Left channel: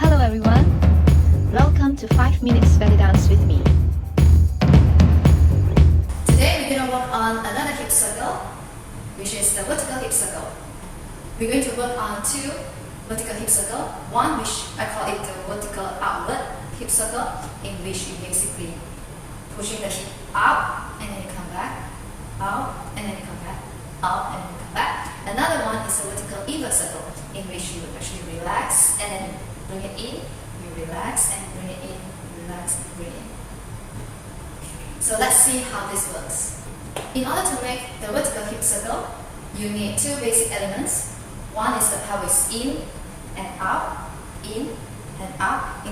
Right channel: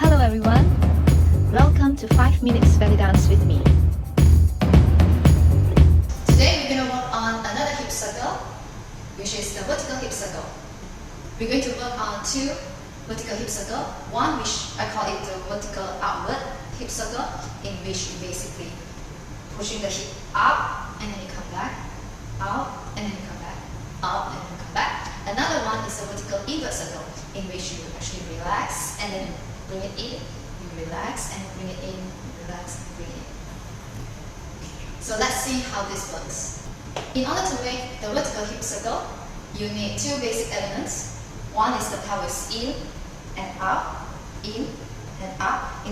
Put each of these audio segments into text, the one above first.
Hello everyone, welcome to 5 minutes Bellydance with me. Today we're going to work on another hip circle, which is the vertical hip circle. We're going to work on two vertical hip circle, one which I call it the vertical outward hip circle, in which you basically pushing the hip up and then you come back, out and then you come back, out and then you come back. Another one is a vertical inward circle, in which you actually relax and then bring it in, you relax and bring it in, relax and bring it in. So let's see how this works. In order to make the vertical hip circle, you need two basic elements. One is the pelvis in and out, in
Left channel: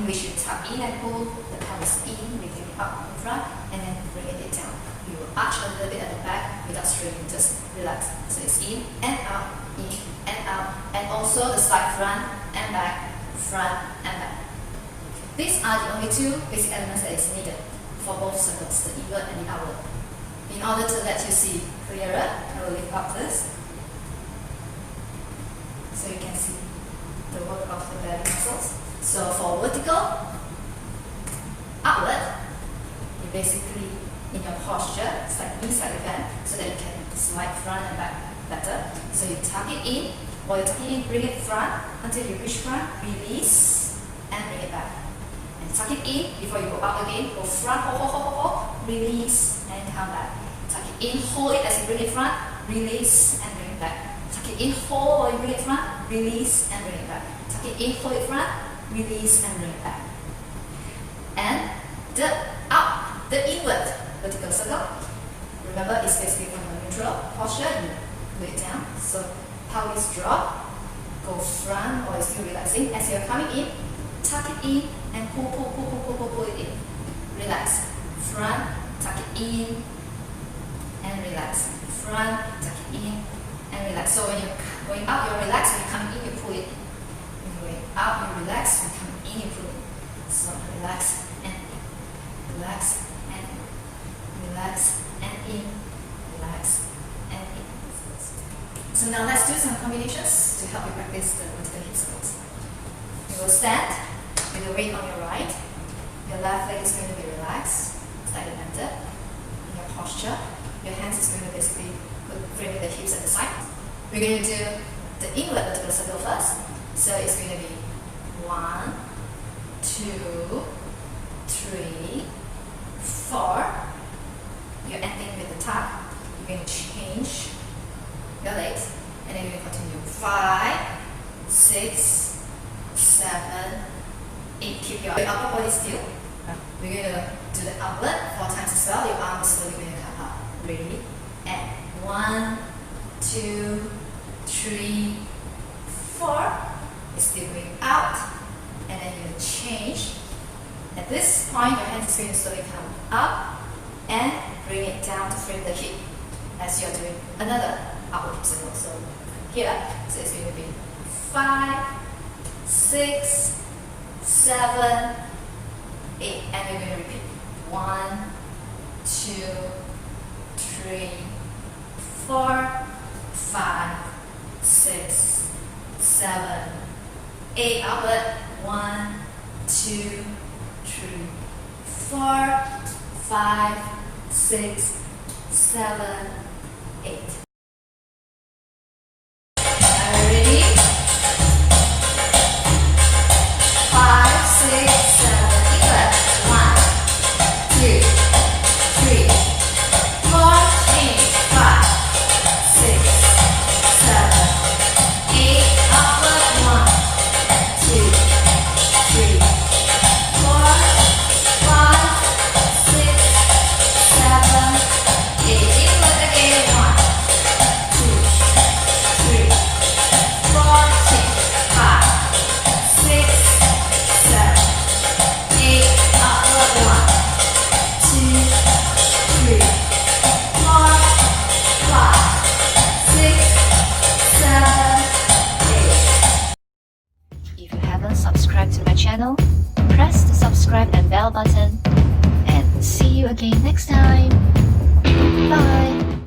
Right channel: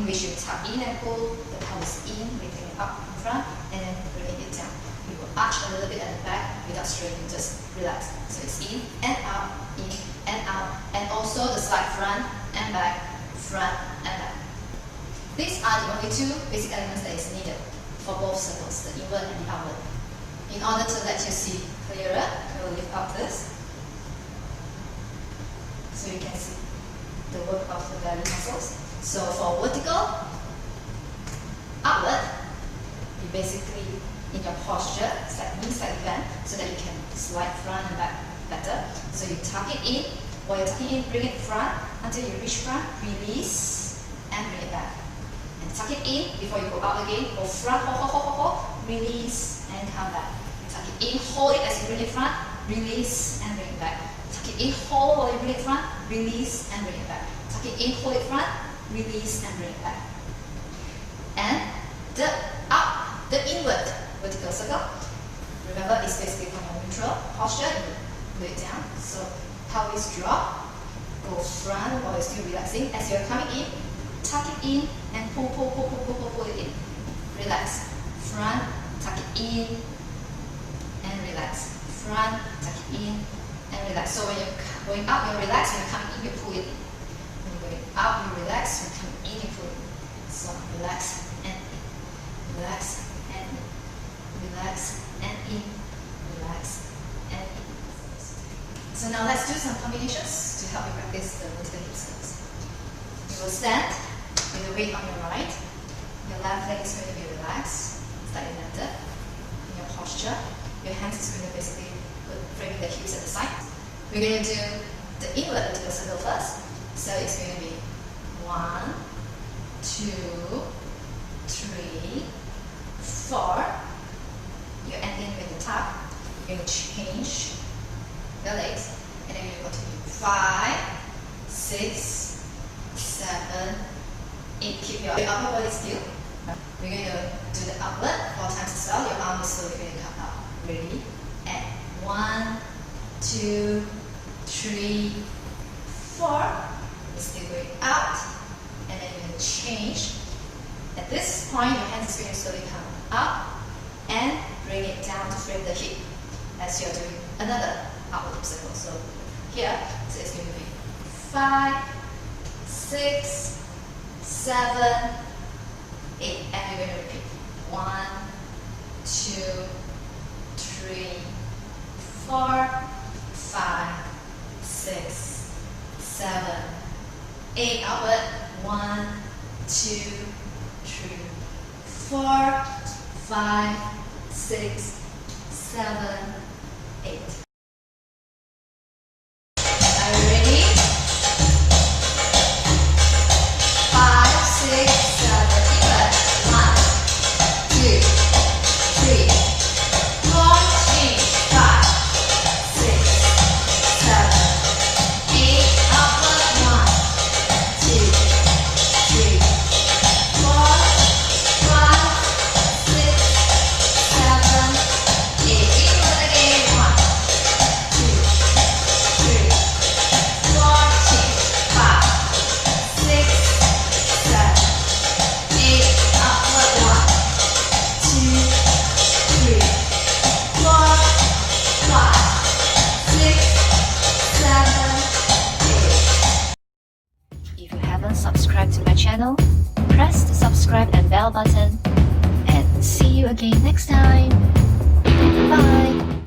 which you tuck in and pull the pelvis in, lifting it up in front, and then bringing it down. You will arch a little bit at the back without straining, just relax. So it's in and out, and also the slide front and back, front and back. These are the only two basic elements that is needed for both circles, the inward and the outward. In order to let you see clearer, I will lift up this so you can see the work of the belly muscles. So for vertical, outward, you basically in your posture, it's like inside the bend, so that you can slide front and back better. So you tuck it in, while you tuck it in, bring it front until you reach front, release and bring it back. And tuck it in before you go out again, go front, hold, release and come back. Tuck it in, hold it as you bring it front, release and bring it back. Tuck it in, hold while you bring it front, release and bring it back. Tuck it in, hold it front, release and bring it back. And the inward vertical circle, remember it's basically from a neutral posture, you put it down. So pelvis drop, go front while you're still relaxing. As you're coming in, tuck it in and pull it in. Relax. Front, tuck it in and relax. Front, tuck it in and relax. So when you're going up, you relax. When you're coming in, you pull it in. When you're going up, you relax. When you're coming in, you pull it. So relax and in. Relax and in. Relax and in. Relax and in. So now let's do some combinations to help you practice the vertical hip circles. You will stand with the weight on your right. Your left leg is going to be relaxed, slightly bent. In your posture, your hands is going to basically bring the hips at the side. We're going to do the inward vertical circle first. So it's going to be 1, 2, 3, 4. You're ending with the tuck. You're going to change your legs, and then you continue 5, 6, 7, 8. Keep your upper body still. We're going to do the outward 4 times as well. Your arm is slowly going to come up. Ready? And 1, 2, 3, 4. It's still going out, and then you're going to change. At this point, your hands is going to slowly come up and bring it down to frame the hip as you're doing another outward hip circle. So here, so it's going to be 5, 6, 7, 8, and we're going to repeat 1, 2, 3, 4, 5, 6, 7, 8. Outward 1, 2, 3, 4, 5, 6, 7, 8. If you haven't subscribed to my channel, press the subscribe and bell button, and see you again next time.